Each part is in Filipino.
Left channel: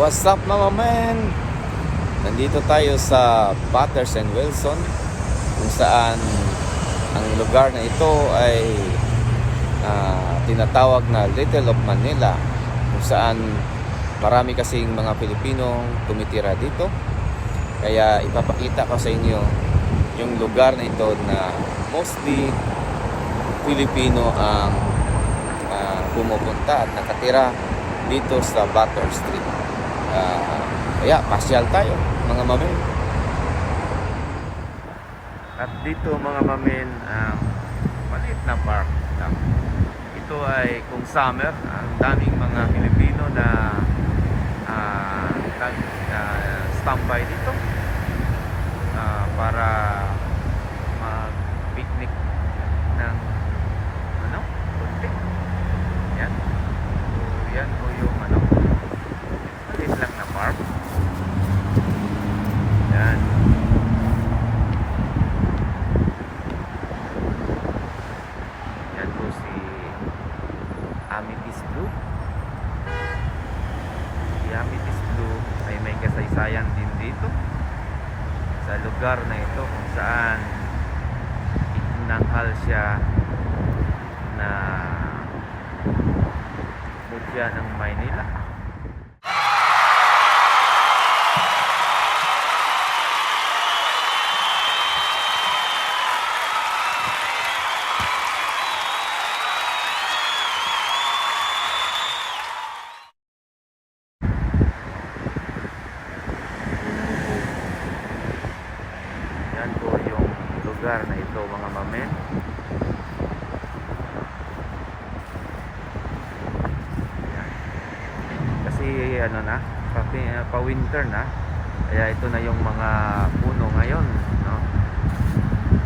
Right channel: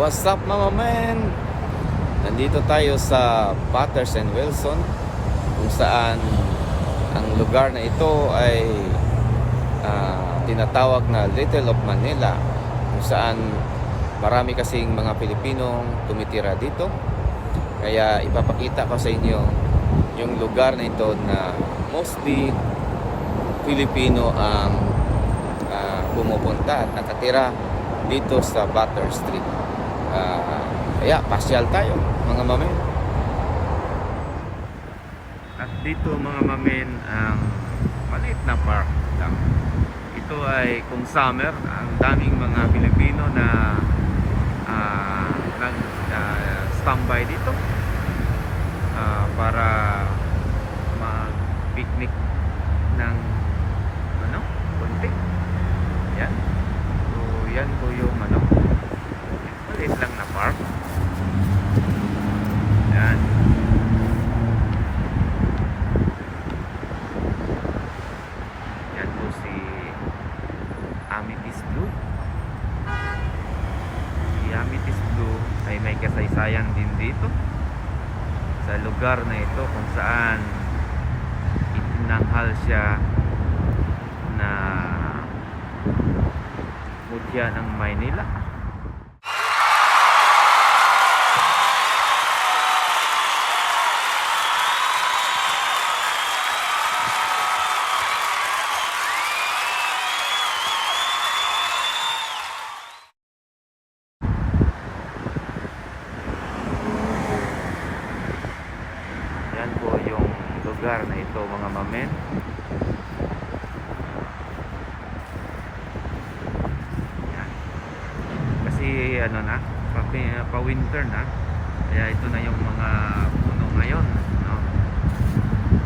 What's up mga men? Nandito tayo sa Batters and Wilson, kung saan ang lugar na ito ay tinatawag na Little of Manila, kung saan marami kasing mga Pilipinong tumitira dito. Kaya ipapakita ko sa inyo yung lugar na ito na mostly Pilipino ang pumupunta at nakatira dito sa Butter Street. Kaya pasyal tayo mga mamen. At dito mga mamen, maliit na park lang. Ito ay kung summer, ang daming mga Pilipino na nag-standby dito para mag-picnic ng konti. Yan. So yan po yung maliit lang na park. Yan. Yan po si Amethyst Blue. Si Amethyst Blue ay may kasaysayan din dito sa lugar na ito, kung saan itinanghal siya na mutya ng Maynila. Yan po yung lugar na ito mga mamen. Yan. Kasi pa-winter na, kaya ito na yung mga puno ngayon, no?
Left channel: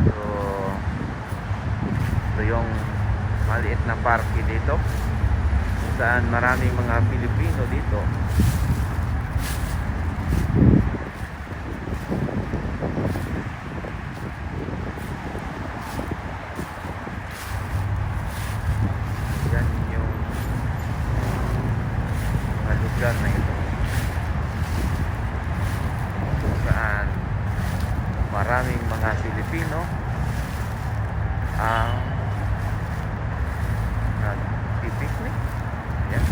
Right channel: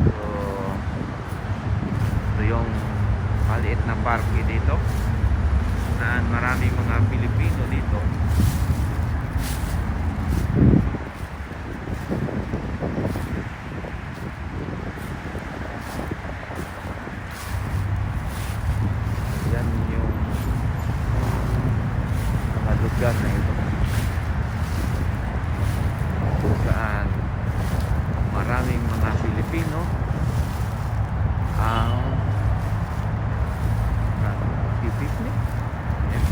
So ito yung maliit na parke dito, saan maraming mga Pilipino dito. Yan yung mga lugar na ito, kung saan maraming mga Pilipino ang nag-picnic. Yan.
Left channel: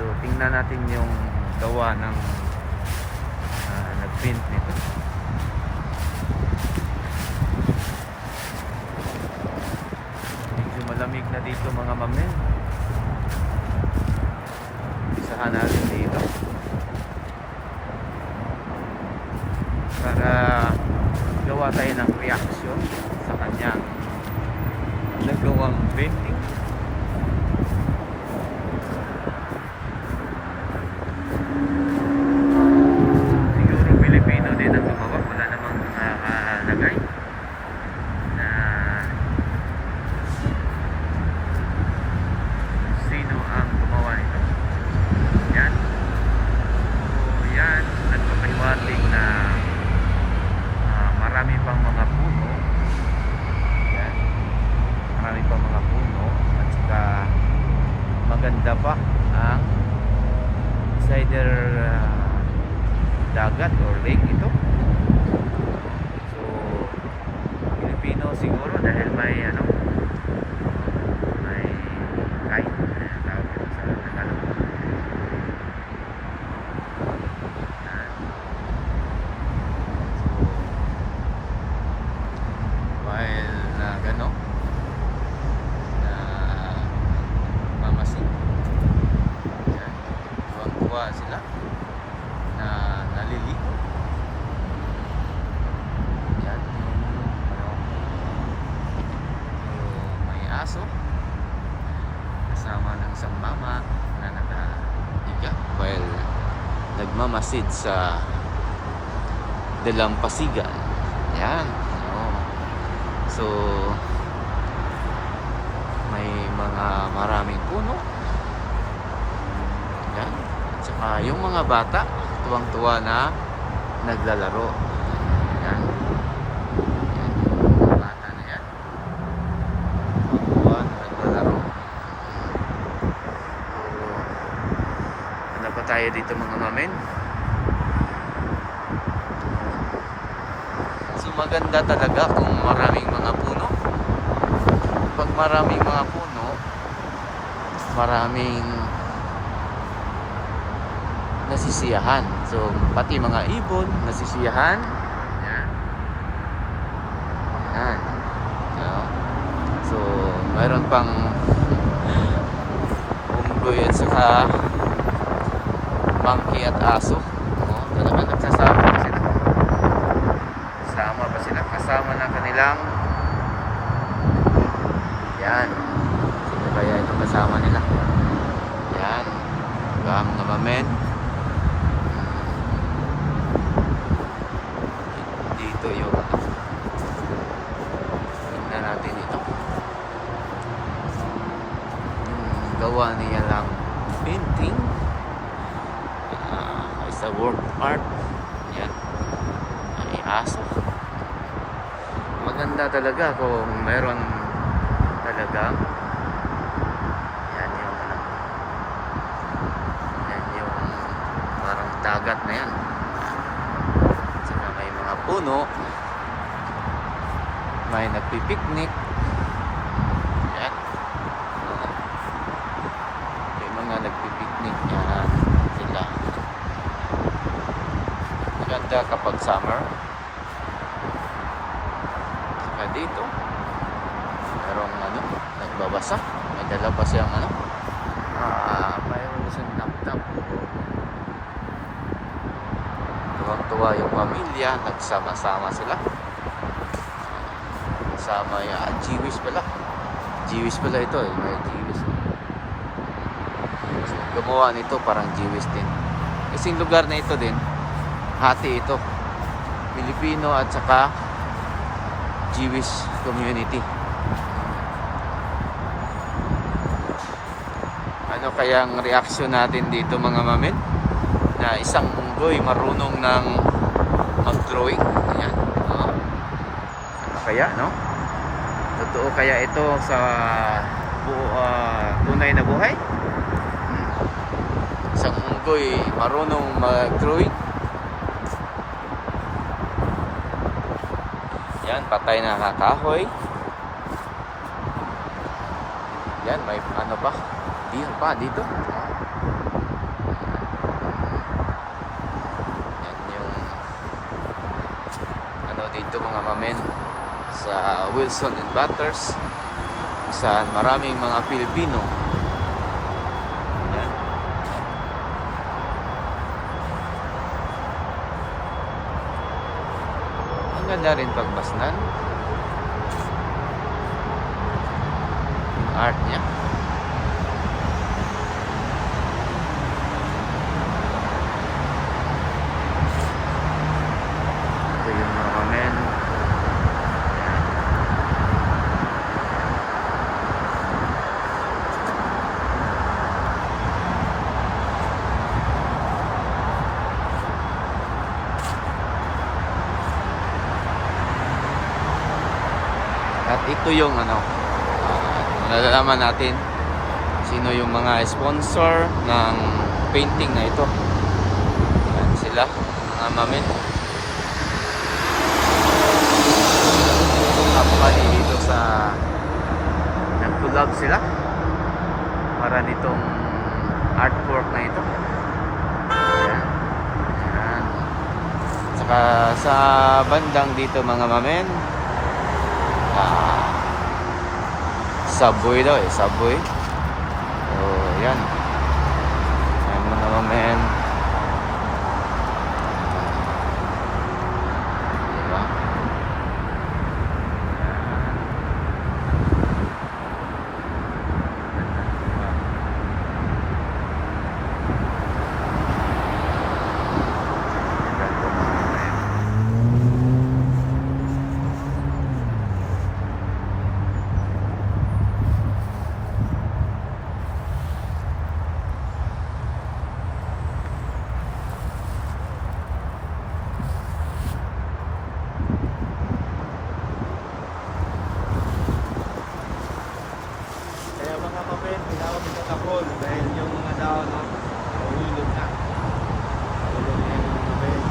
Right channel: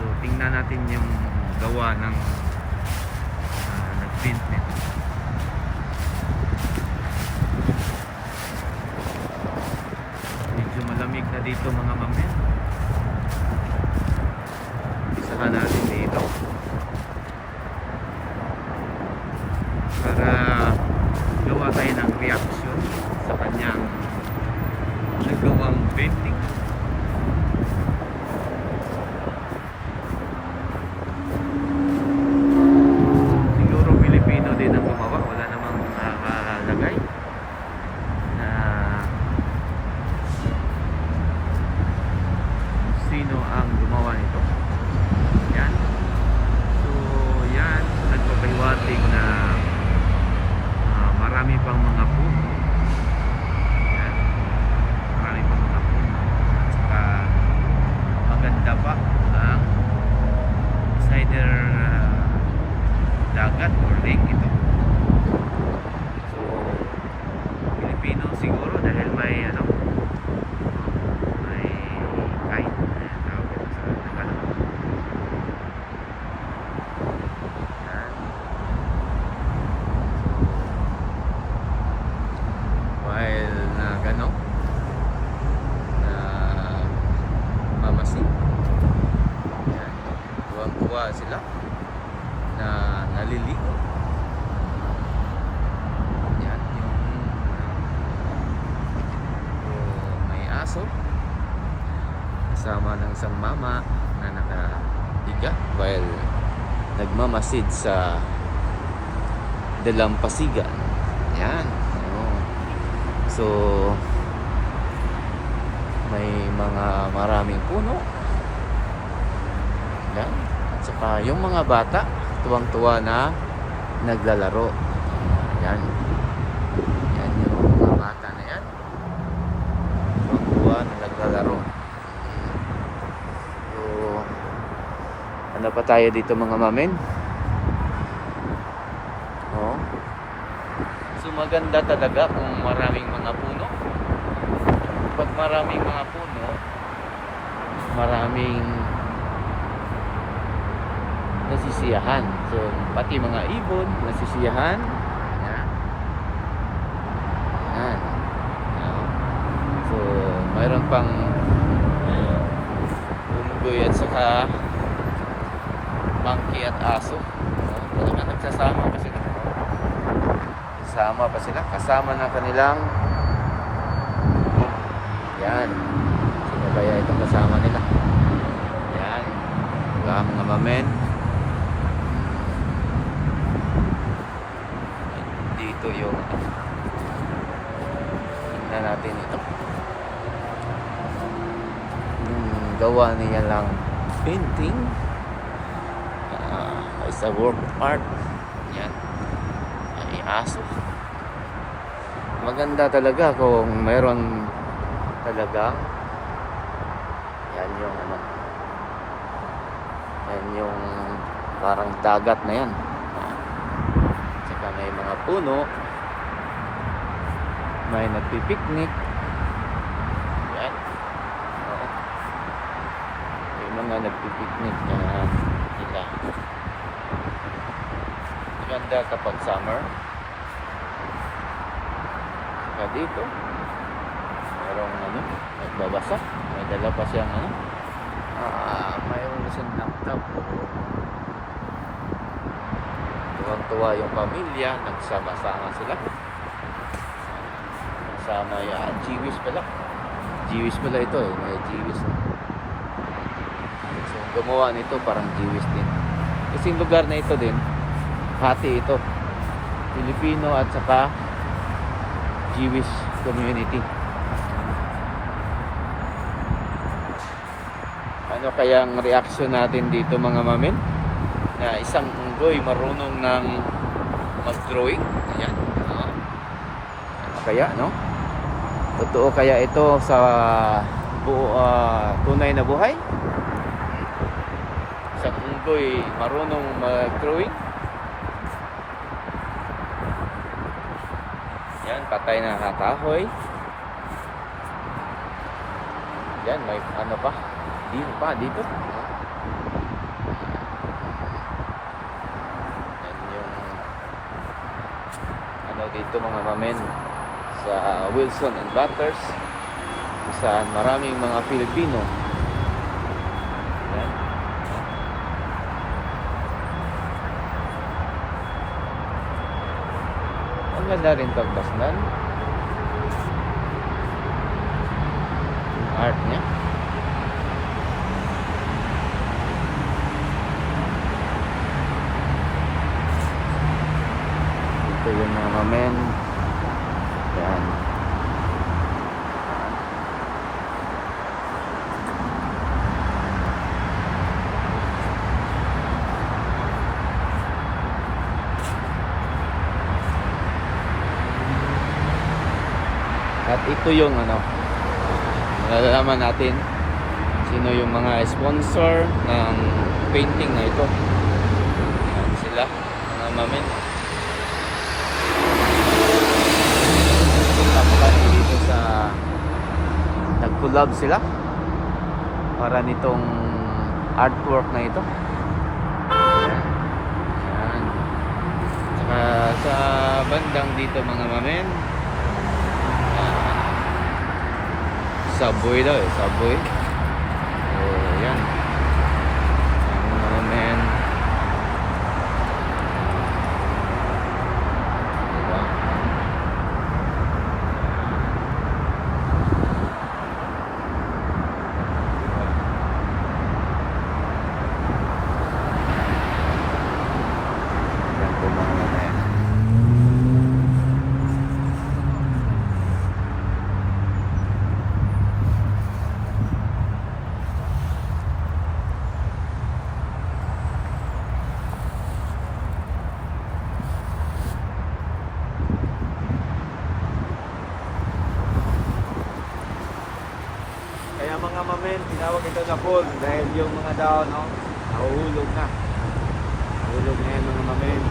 So tingnan natin yung gawa ng nag-paint nito. Medyo malamig na dito mga mamen. Isahan natin dito para gawa tayo ng reaction sa kanyang nagawang painting. Siguro Pilipino din ang gumawa, wala namang nakalagay na sino ang gumawa nito. Yan. So yan, nagpapahiwatig na marami pang mga puno. Yan. Marami pang mga puno. At saka maganda pa ang either dagat or lake ito. So Pilipino siguro dahil may may kite, tawag ito sa Tagalog. Yan. While na mamasin, yan, buwa sila na naliligo. Yan so, may aso kasama ng isang mama na nakahiga while nagmamasid sa dalampasigan. Yan. So may mga maraming puno. Yan. At saka yung mga bata tuwang-tuwa na naglalaro. Yan. Yan yung mga bata na yan, tuwang-tuwa na naglalaro. So ano pa tayo dito mga mamen. Oh. So maganda talaga kung maraming mga puno. Pag maraming mga puno, maraming nasisiyahan. So pati mga ibon nasisiyahan. Yan. Yan. No? So mayroon pang unggoy at saka monkey at aso. Oh, talagang nagsasama pa sila. Kasama pa sila. Kasama ng kanilang yan. Sino kaya itong kasama nila? Yan. Diba mga mamen? Dito yung tingnan natin ito. Yung gawa niya lang painting. It's a work of art. Yan. Ay aso. Maganda talaga kung mayroon talagang yan yung ano. Yan yung parang dagat na yan. Saka may mga puno. May nagpipiknik. Yan. Oo. May mga nagpipiknik yan sila. Maganda kapag summer. Saka dito merong ano, nagbabasa. May dala pa siyang ano. Mayroon na siyang laptop. Tuwang-tuwa yung pamilya, nagsama-sama sila. Kasama yung Jewish pala. Jewish pala ito eh, may Jewish. So ang gumawa nito parang Jewish din. Kasi yung lugar na ito din, hati ito. Filipino at saka Jewish community. Ano kayang reaksyon natin dito mga mamen? Na isang unggoy marunong ng mag-drawing. Ayan. No? Ano kaya, no? Totoo kaya ito sa tunay na buhay? Isang unggoy marunong mag-drawing. Yan, patay na kakahoy. Yan, may ano pa? Dito pa, dito. Oh. Yan yung ano dito mga mamen sa Wilson and Butters, kung saan maraming mga Pilipino. Yan. Ang ganda rin pagbasnan. Yung art niya. Ito yung mga mamen. Yan. At ito yung ano, nalalaman natin sino yung mga sponsor ng painting na ito. Yan sila, mga mamen. Company dito sa nag-collab sila para nitong artwork na ito. Yan. Yan. Saka sa bandang dito mga mamen, Subway daw eh, Subway. So yan. Yan mga mamen. Diba? Yan po mga mamen. Kaya mga mamen, tinawag ito na cold dahil yung mga dahon mahulog na. Tulog ngayon ng mga kayo.